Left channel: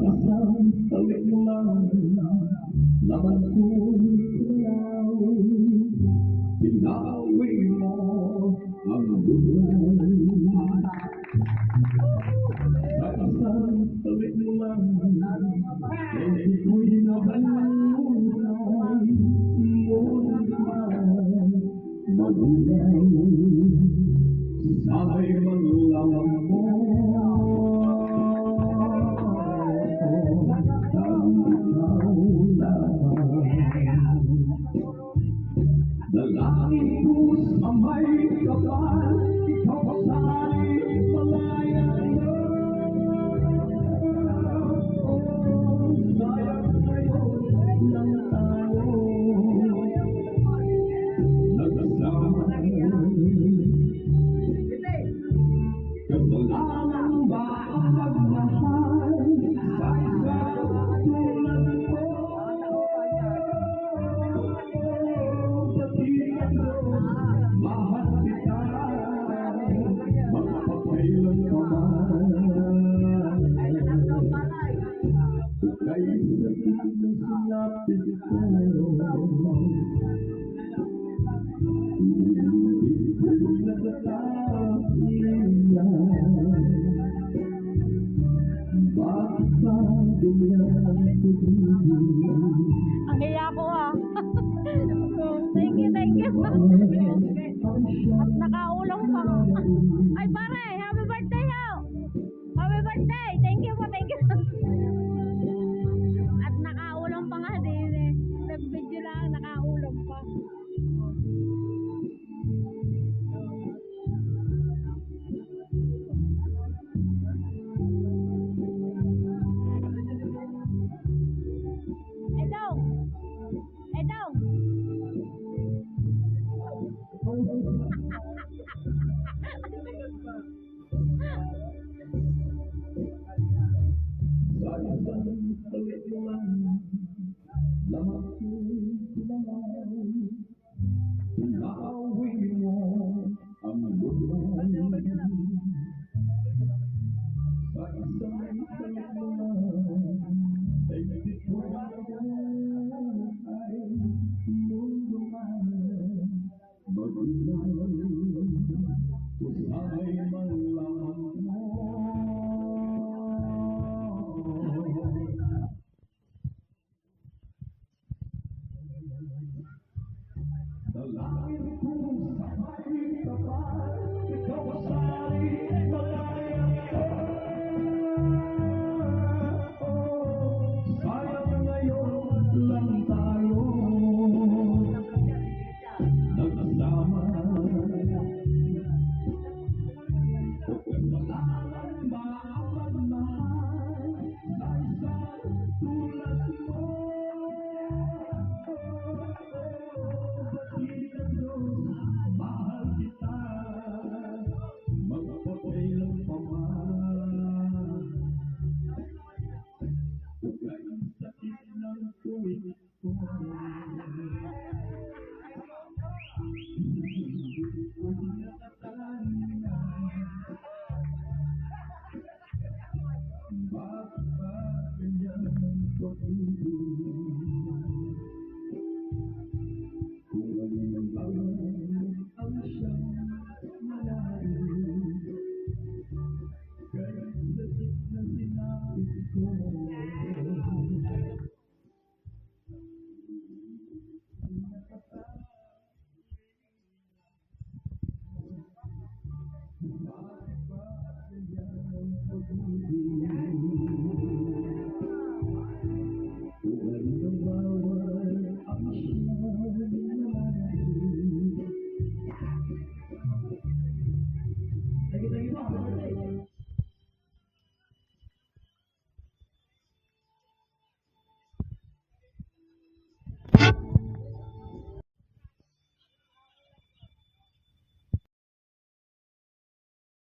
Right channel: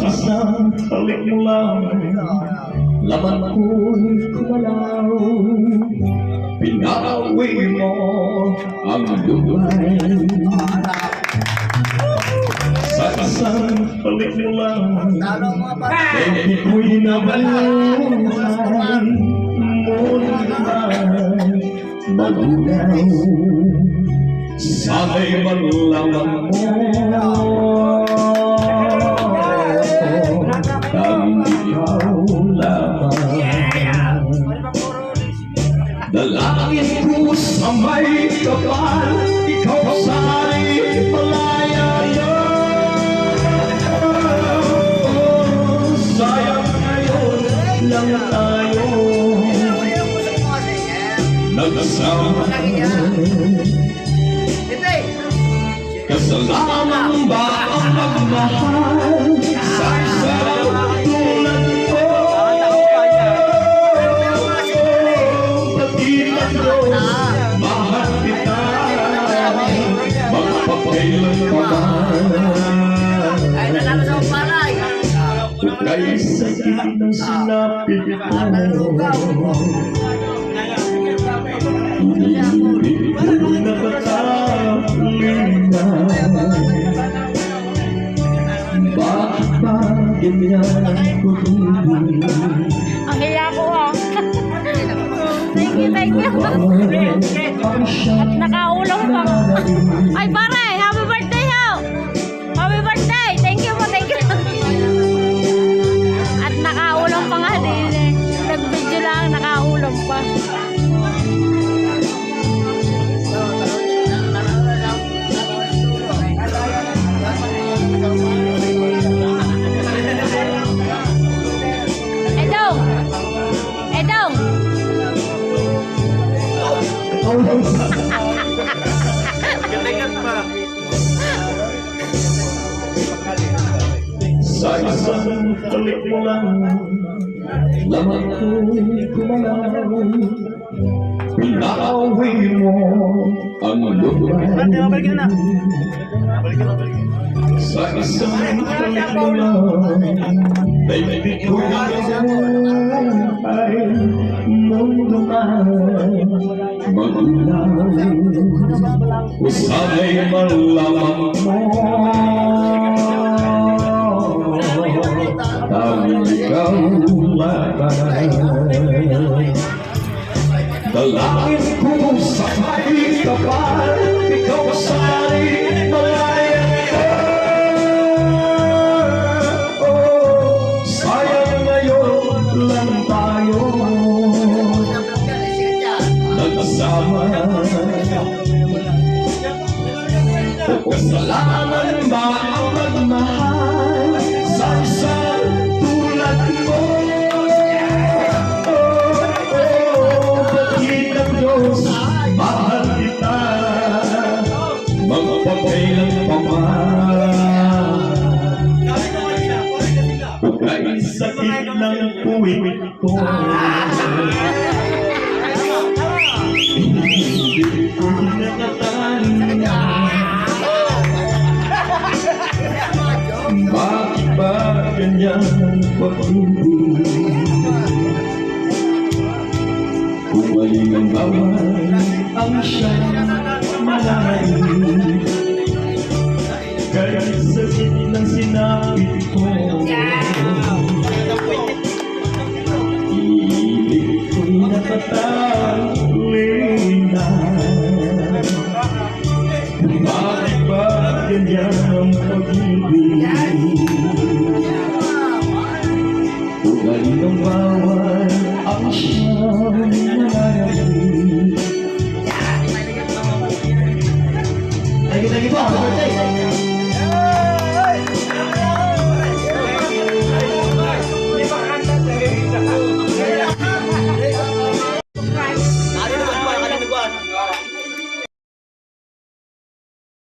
balik mo lang Laman ko'y kumalaw Pinawi mo ang luhay Sa isang balik mo lang. Hindi ko'y nabaluhay Ngunit ay magunaw Sana'y malaman mo Dalangin ko sa may kapal Ikaw sa'y malaya Sayang ngayon lang tayo sa. Nagsama. Kasalanan ba ang magmahal sakit ng sinapit ko Hindi ko nakakalinga Bakit ba ganyan ko Ang hiya ko ah. thank you, thank you. Ang siyang Nakaulang pa. Ay pare, Sa isang balik mo lang Lamang ko'y kumalaw Pinawi mo ang lugar Sa isang balik mo lang Baby ko ay malamang mo Ang ikaw lamang Dalangin ko sa kapal Ikaw sa'y malaya Kasalanan ba ang magmahal Sa isang tulad mo? Bakit ang Diyos mahal kita. Magpapailan pa man Kay sakit ng puwit ko ng pag-ibig ang bawal ang siyang malalim Kahit sa ng sinapit ko Iibig ko'y natatawag 你不好，对不？